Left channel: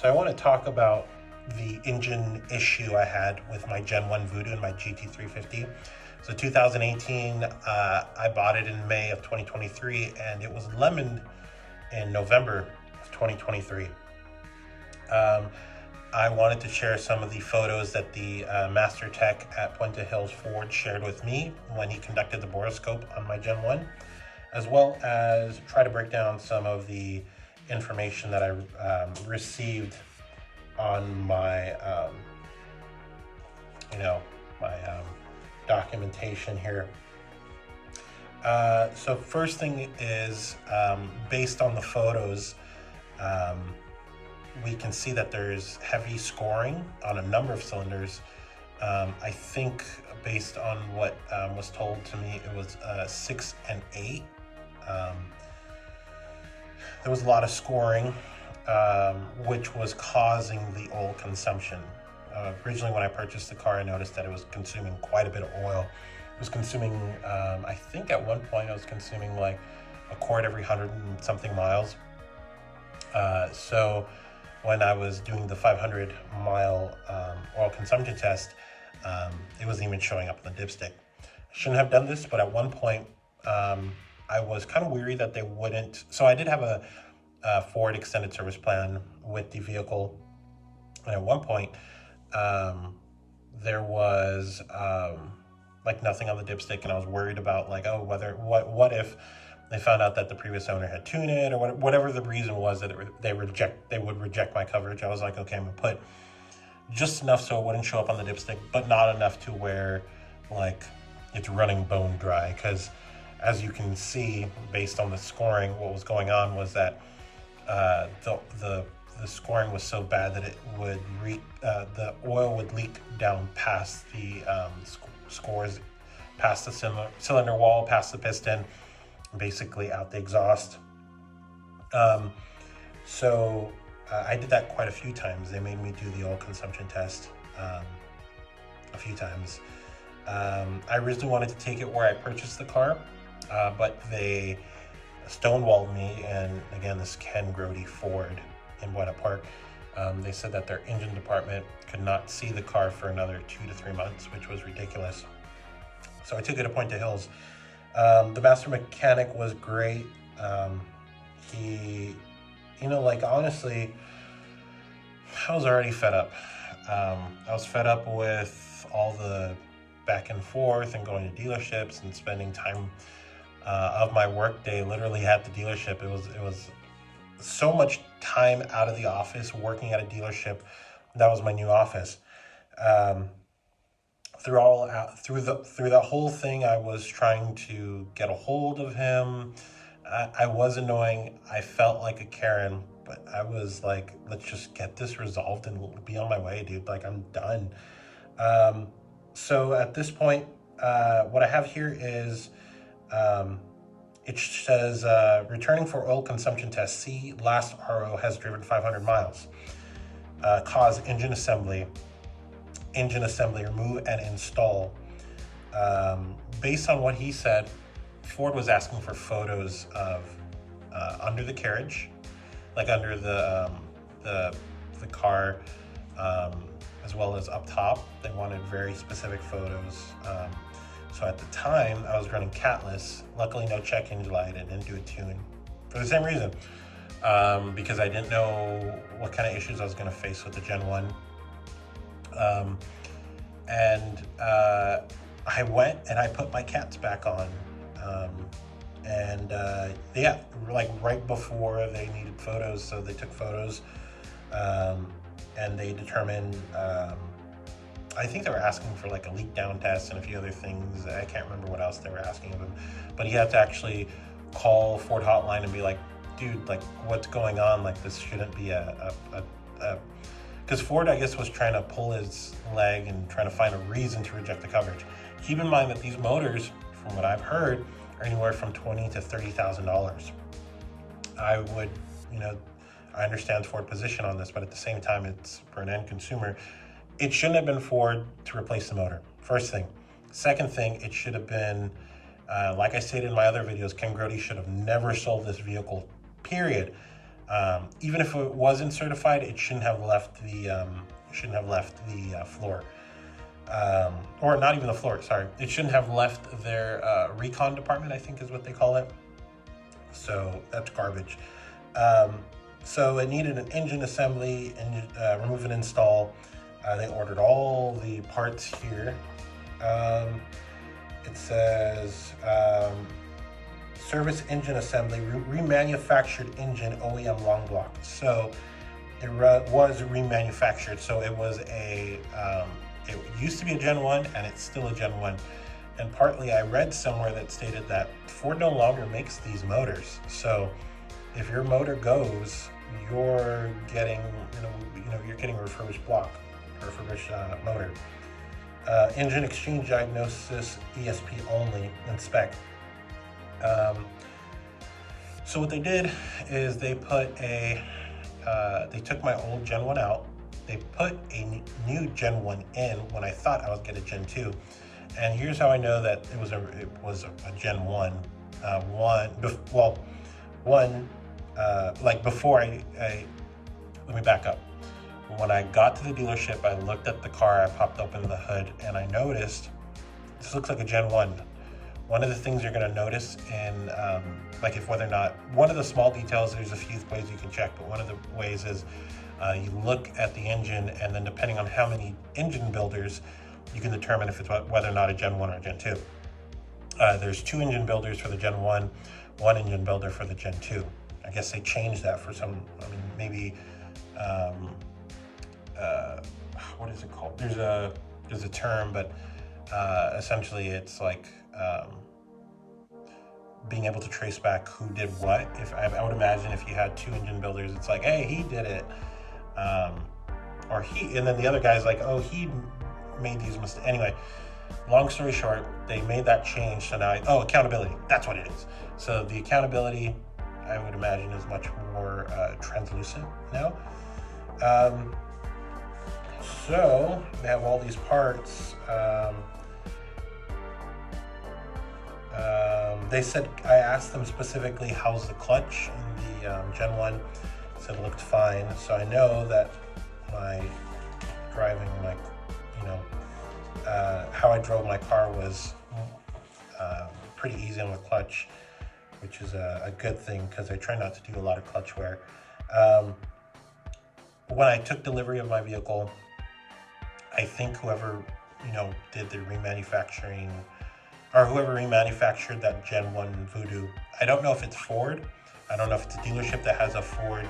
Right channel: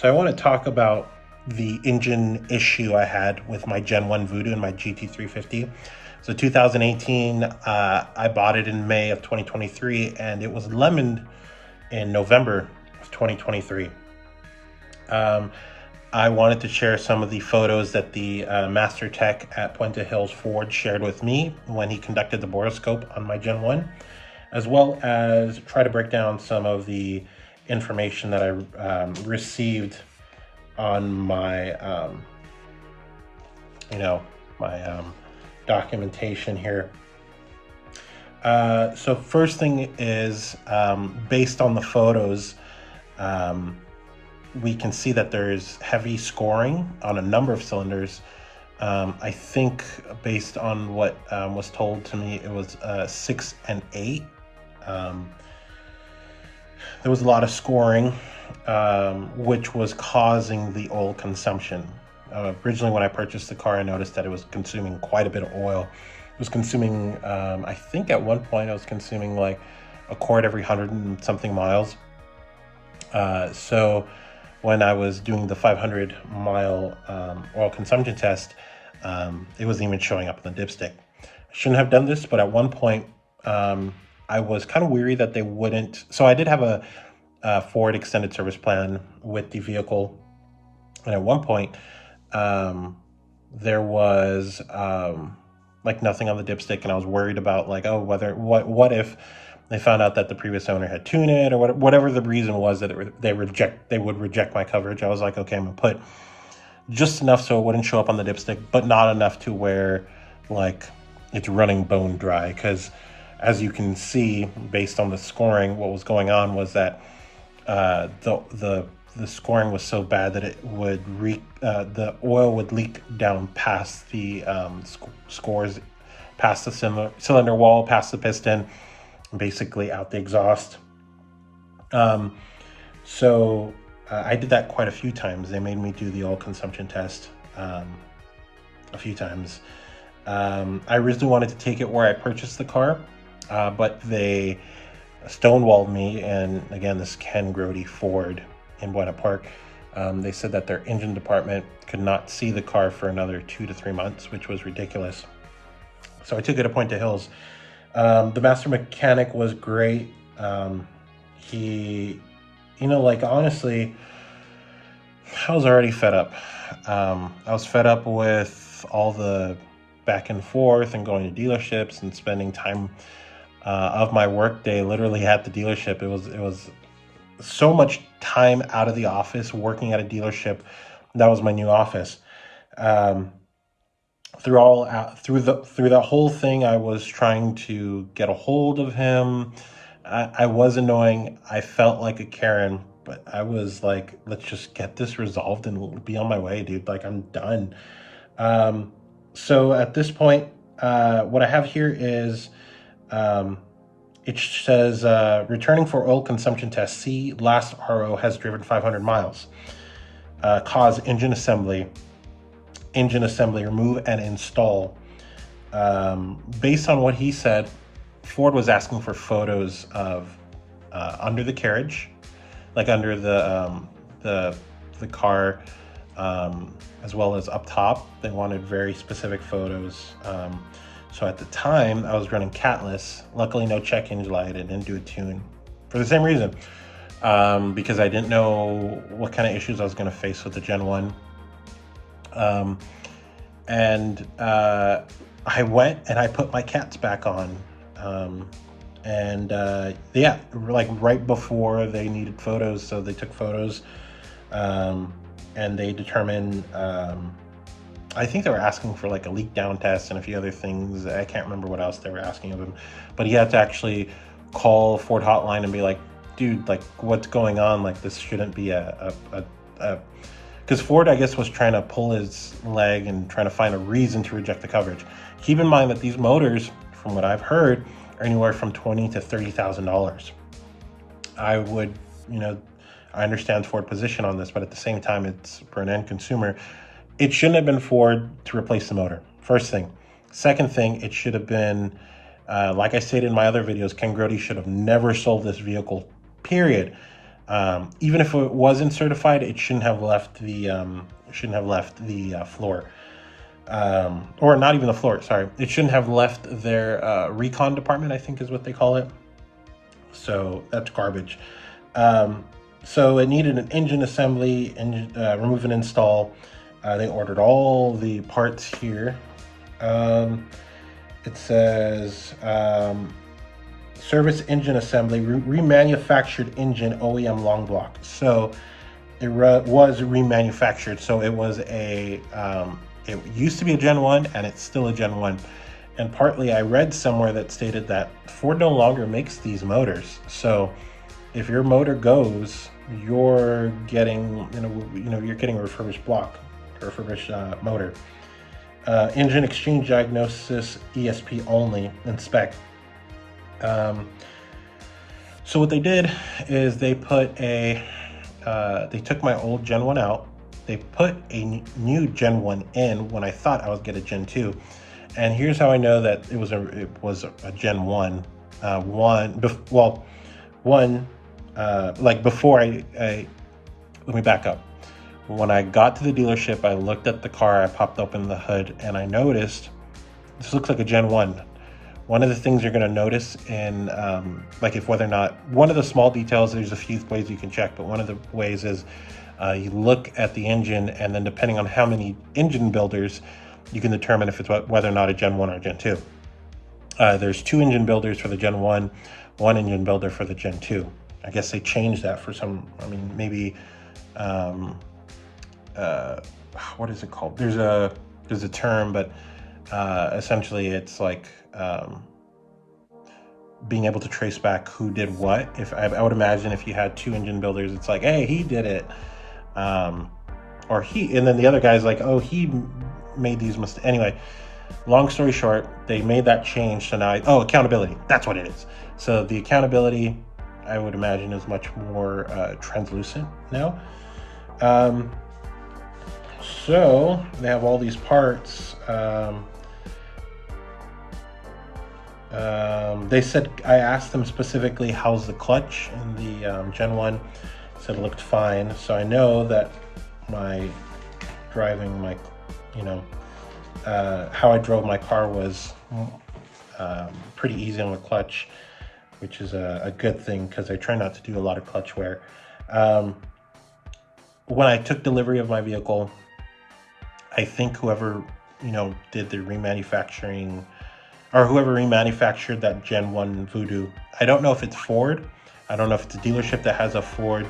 So I want to talk about the engine issue I had with my Gen 1 Voodoo and my GT350. So 2018, I bought it in May of 2023, and it was lemoned in November of 2023. I wanted to share some of the photos that the master tech at Puente Hills Ford shared with me when he conducted the borescope on my Gen 1, as well as try to break down some of the information that I received on my, documentation here. So first thing is, based on the photos, we can see that there's heavy scoring on a number of cylinders. I think based on what was told to me, it was 6 and 8. There was a lot of scoring, which was causing the oil consumption. Originally, when I purchased the car, I noticed that it was consuming quite a bit of oil. It was consuming, I think at one point, I was consuming like a quart every 100 and something miles. So when I was doing the 500-mile oil consumption test, it wasn't even showing up in the dipstick. I shouldn't have done this, but at one point, I was kind of weary that they wouldn't. So I did have a Ford extended service plan with the vehicle, and at one point, there was like nothing on the dipstick, and I was worried about like, oh, what if they found out that the previous owner had tuned it, or whatever the reason was that they would reject my coverage. I was like, okay, I'm gonna put just enough so it wouldn't show up on the dipstick, but not enough to where like it's running bone dry. Because as you can see, based on the scoring, what was going on was that the scoring was so bad that it would the oil would leak down past the scores, past the cylinder wall, past the piston, basically out the exhaust. So I did that quite a few times. They made me do the oil consumption test a few times. I originally wanted to take it where I purchased the car, but they stonewalled me. And again, this is Ken Grody Ford in Buena Park. They said that their engine department could not see the car for another 2 to 3 months, which was ridiculous. So I took it to Puente Hills. The master mechanic was great. He, honestly, I was already fed up. I was fed up with all the back and forth and going to dealerships and spending time of my work day literally at the dealership. It was so much time out of the office working at a dealership. That was my new office. Through the whole thing, I was trying to get a hold of him. I was annoying. I felt like a Karen, but I was like, let's just get this resolved and be on my way, dude. Like, I'm done. So at this point, what I have here is, it says, returning for oil consumption test. C, last RO has driven 500 miles. Cause engine assembly, remove and install. Based on what he said, Ford was asking for photos of under the carriage, like under the car, as well as up top. They wanted very specific photos. So at the time, I was running catless. Luckily, no check engine light. I didn't do a tune for the same reason, because I didn't know what kind of issues I was going to face with the Gen 1. I went and I put my cats back on. Yeah, like right before they needed photos. So they took photos, and they determined, I think they were asking for like a leak down test and a few other things. I can't remember what else they were asking of him, but he had to actually call Ford hotline and be like, dude, like what's going on? Like this shouldn't be because Ford, I guess, was trying to pull his leg and trying to find a reason to reject the coverage. Keep in mind that these motors, from what I've heard, are anywhere from $20,000 to $30,000. I understand Ford's position on this, but at the same time, it's for an end consumer. It shouldn't have been Ford to replace the motor. First thing. Second thing, it should have been, like I stated in my other videos, Ken Grody should have never sold this vehicle, period. Even if it wasn't certified, it shouldn't have left the floor, or not even the floor. Sorry, it shouldn't have left their recon department, I think is what they call it. So that's garbage. So it needed an engine assembly, and remove and install. They ordered all the parts here. It says service engine assembly, remanufactured engine OEM long block. So it was remanufactured. So it was a, it used to be a Gen 1 and it's still a Gen 1. And partly I read somewhere that stated that Ford no longer makes these motors. So if your motor goes, you're getting, you're getting a refurbished block, a refurbished motor. Engine exchange diagnosis, ESP only, inspect. So what they did is they put a, they took my old Gen 1 out. They put a new Gen 1 in when I thought I was get a Gen 2. And here's how I know that it was a Gen 1. Like before let me back up. When I got to the dealership, I looked at the car, I popped open the hood, and I noticed this looks like a Gen 1. One of the things you're going to notice in, like if whether or not, one of the small details, there's a few ways you can check, but one of the ways is you look at the engine, and then depending on how many engine builders, you can determine if it's whether or not a Gen 1 or Gen 2. There's 2 engine builders for the Gen 1, 1 engine builder for the Gen 2. I guess they changed that for some, maybe, what is it called? There's a term, but essentially it's like being able to trace back who did what. If I would imagine if you had 2 engine builders, it's like, hey, he did it, or he, and then the other guy's like, oh, he made these mistakes. Anyway, long story short, they made that change. So now, accountability, that's what it is. So the accountability, I would imagine, is much more translucent now. So they have all these parts. They said, I asked them specifically, how's the clutch in the Gen 1? Said it looked fine. So I know that my driving, how I drove my car was pretty easy on the clutch, which is a good thing because I try not to do a lot of clutch wear. When I took delivery of my vehicle, I think whoever, did the remanufacturing, or whoever remanufactured that Gen 1 Voodoo, I don't know if it's Ford. I don't know if it's a dealership that has a Ford,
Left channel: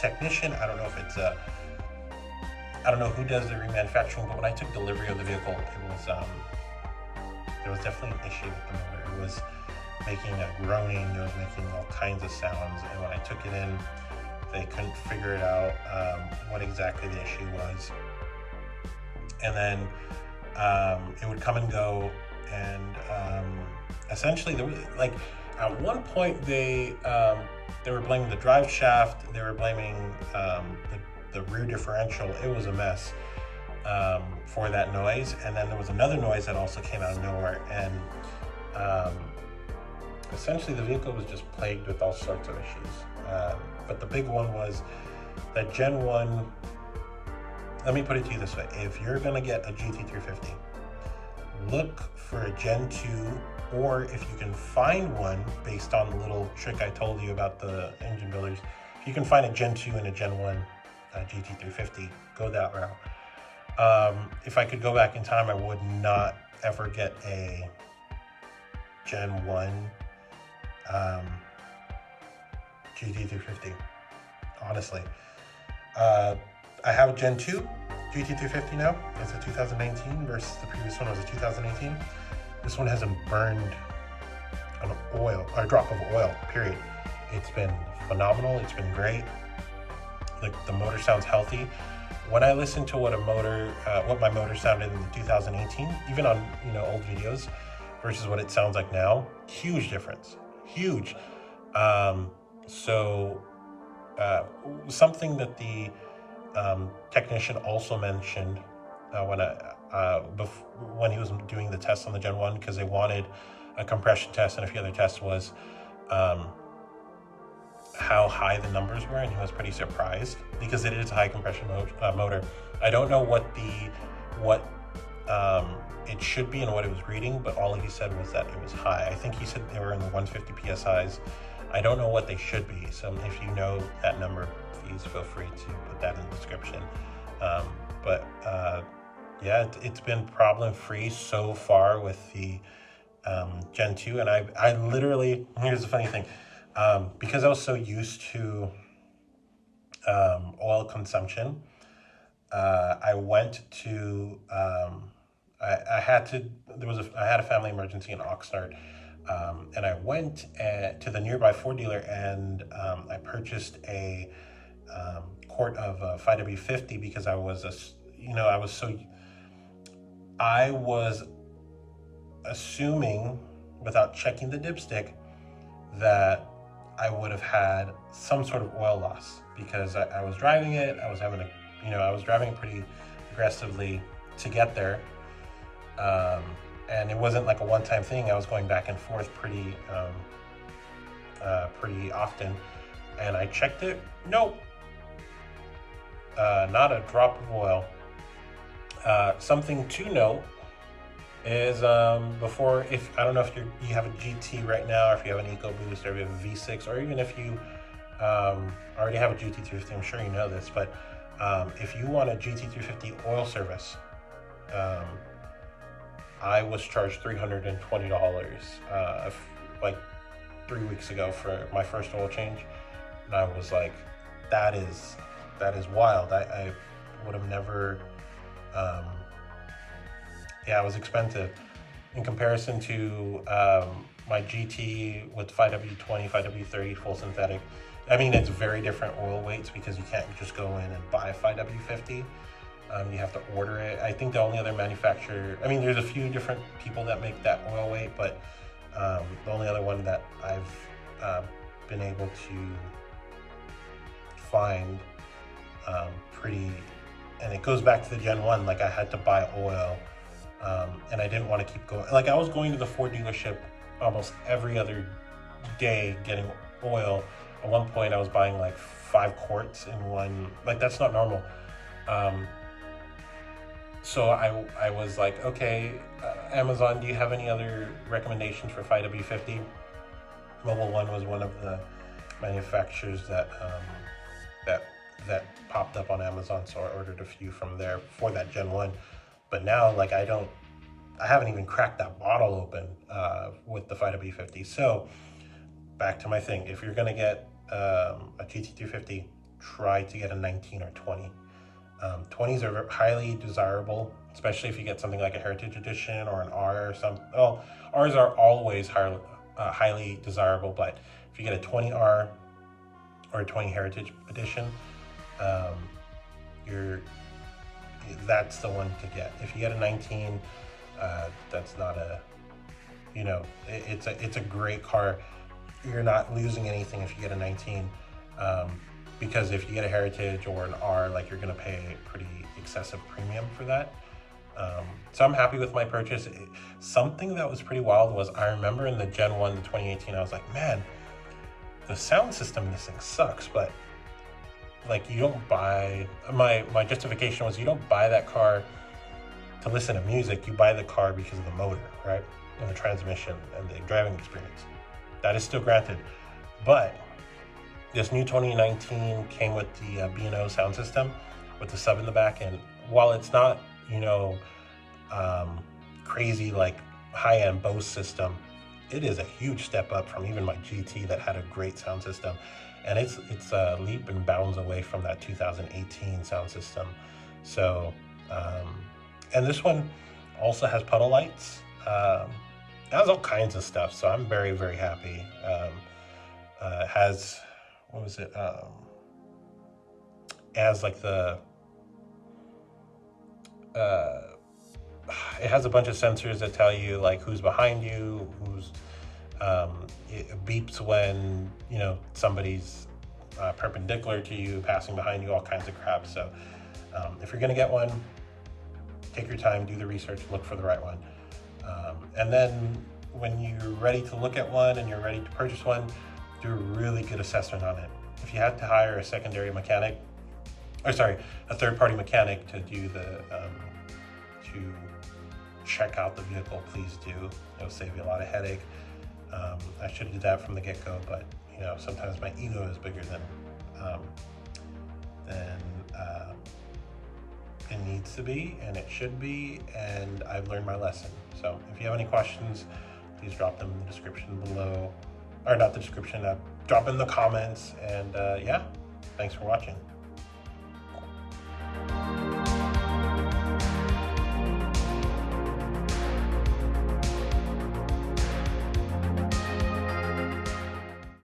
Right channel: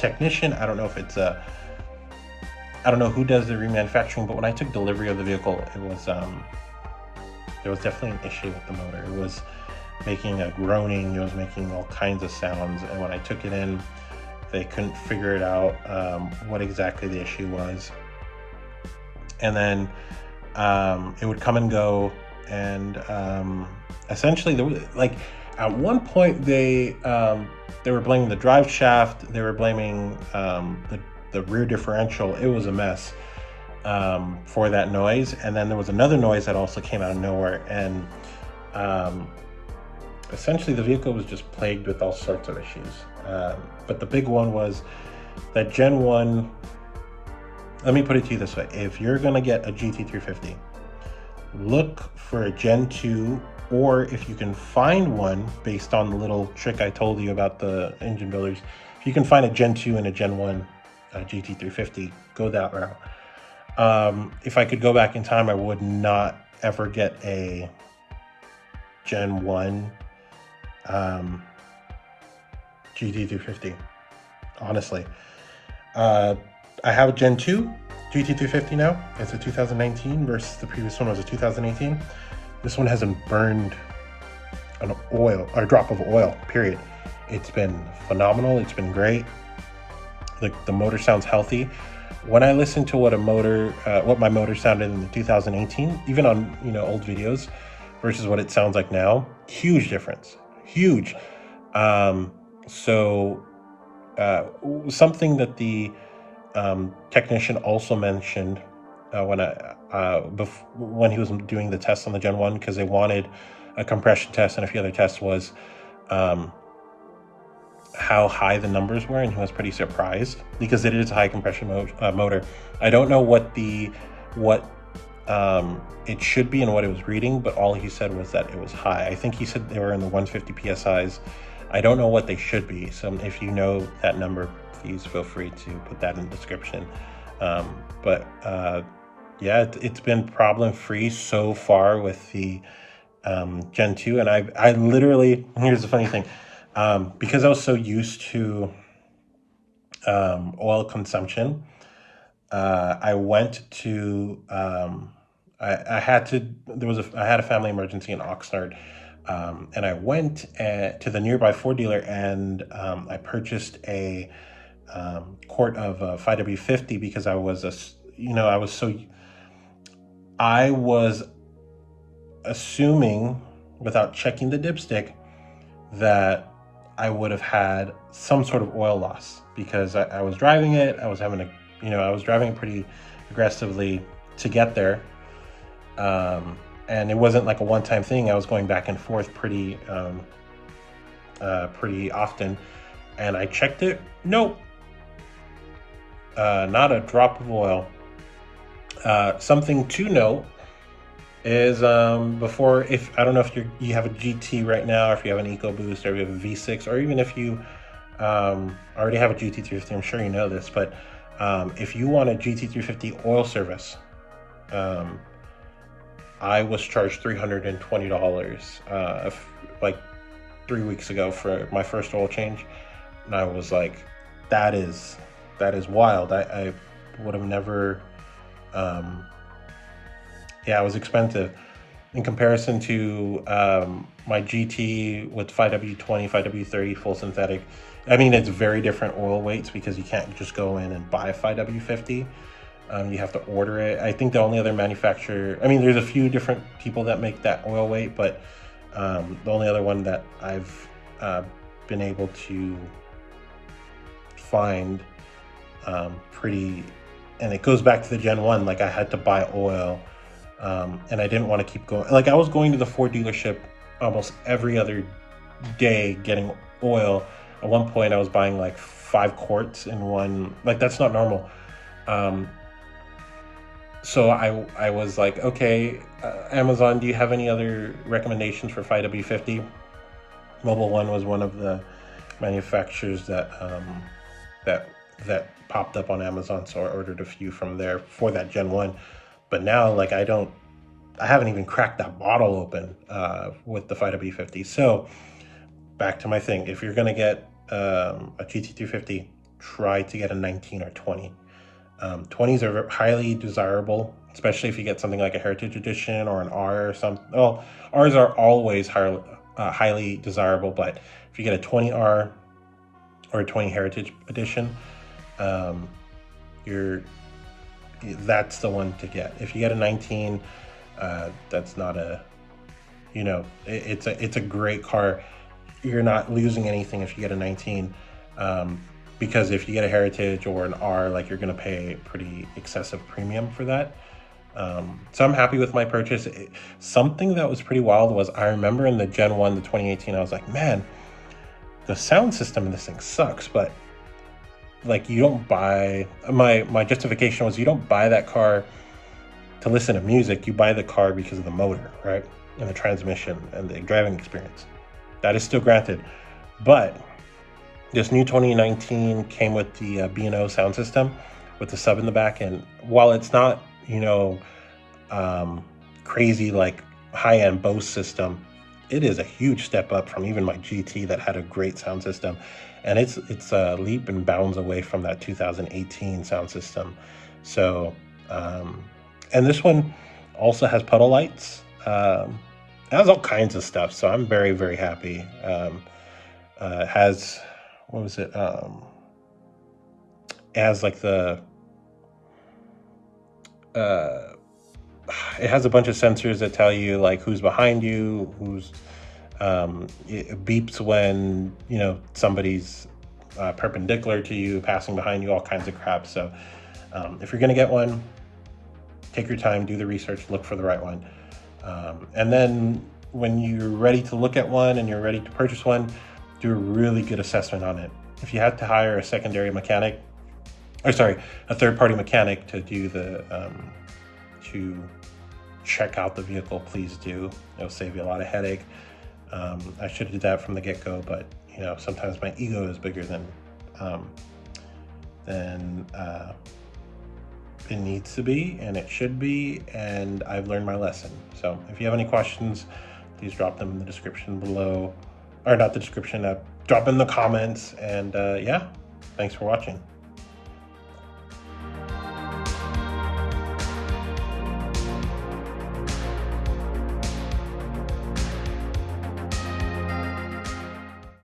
technician. I don't know if it's I don't know who does the remanufacturing, but when I took delivery of the vehicle, it was, there was definitely an issue with the motor. It was making a groaning, it was making all kinds of sounds, and when I took it in, they couldn't figure it out, what exactly the issue was. And then it would come and go, and essentially there was, like, at one point they were blaming the drive shaft, they were blaming the rear differential. It was a mess for that noise. And then there was another noise that also came out of nowhere, and essentially the vehicle was just plagued with all sorts of issues. But the big one was that Gen 1, let me put it to you this way. If you're gonna get a GT350, look for a Gen 2, or if you can find one based on the little trick I told you about the engine builders, if you can find a Gen 2 and a Gen 1 GT350, go that route. If I could go back in time, I would not ever get a Gen 1 GT350, honestly. I have a Gen 2 GT350 now. It's a 2019 versus the previous one was a 2018. This one hasn't burned an oil or a drop of oil, period. It's been phenomenal. It's been great. The motor sounds healthy. When I listen to what my motor sounded in 2018, even on old videos, versus what it sounds like now, huge difference, huge. Something that the technician also mentioned when he was doing the test on the Gen 1, because they wanted a compression test and a few other tests, was how high the numbers were, and he was pretty surprised because it is a high compression motor. I don't know what it should be and what it was reading, but all he said was that it was high. I think he said they were in the 150 psi's. I don't know what they should be, so if you know that number, please feel free to put that in the description. Yeah, it's been problem free so far with the Gen 2, and I literally, here's the funny thing, because I was so used to oil consumption, I went to I had a family emergency in Oxnard, and I went to the nearby Ford dealer, and I purchased a quart of 5W50 because I was assuming, without checking the dipstick, that I would have had some sort of oil loss because I was driving it. I was driving it pretty aggressively to get there. And it wasn't like a one-time thing. I was going back and forth pretty often, and I checked it. Nope, not a drop of oil. Something to note is before, if I don't know if you have a GT right now, or if you have an EcoBoost, or if you have a V6, or even if you already have a GT350, I'm sure you know this, but if you want a GT350 oil service, I was charged $320 like 3 weeks ago for my first oil change, and I was like, that is wild. I would have never. Yeah, it was expensive in comparison to my GT with 5W20, 5W30 full synthetic. I mean, it's very different oil weights because you can't just go in and buy a 5W50. You have to order it. I think the only other manufacturer, I mean, there's a few different people that make that oil weight, but the only other one that I've been able to find and it goes back to the Gen 1, like I had to buy oil, and I didn't want to keep going. Like I was going to the Ford dealership almost every other day getting oil. At one point I was buying like 5 quarts in one, like that's not normal. So I was like, okay, Amazon, do you have any other recommendations for 5W50? Mobile One was one of the manufacturers that popped up on Amazon, so I ordered a few from there for that Gen 1. But now, like, I haven't even cracked that bottle open with the 5W50. So back to my thing, if you're gonna get a GT350, try to get a 19 or 20. 20s are highly desirable, especially if you get something like a Heritage Edition or an R or something. Well, Rs are always highly desirable, but if you get a 20R or a 20 Heritage Edition, that's the one to get. If you get a 19, that's not a, it's a great car. You're not losing anything if you get a 19, because if you get a Heritage or an R, like, you're gonna pay a pretty excessive premium for that. So I'm happy with my purchase. Something that was pretty wild was, I remember in the Gen 1, the 2018, I was like, man, the sound system in this thing sucks. But like, you don't buy, my justification was, you don't buy that car to listen to music. You buy the car because of the motor, right? And the transmission and the driving experience. That is still granted. But this new 2019 came with the B&O sound system with the sub in the back, and while it's not, crazy like high-end Bose system, it is a huge step up from even my GT that had a great sound system, and it's a leap and bounds away from that 2018 sound system. So and this one also has puddle lights. It has all kinds of stuff, so I'm very, very happy. It has, what was it? It has like it has a bunch of sensors that tell you like who's behind you, it beeps when somebody's perpendicular to you, passing behind you, all kinds of crap. So if you're gonna get one, take your time, do the research, look for the right one, and then when you're ready to look at one and you're ready to purchase one, do a really good assessment on it. If you had to hire a secondary mechanic, or sorry, a third-party mechanic to do the to check out the vehicle, please do. It'll save you a lot of headache. I should have did that from the get-go, but you know, sometimes my ego is bigger than it needs to be, and it should be, and I've learned my lesson. So if you have any questions, please drop them in the description below, or not the description, drop in the comments, and yeah, thanks for watching.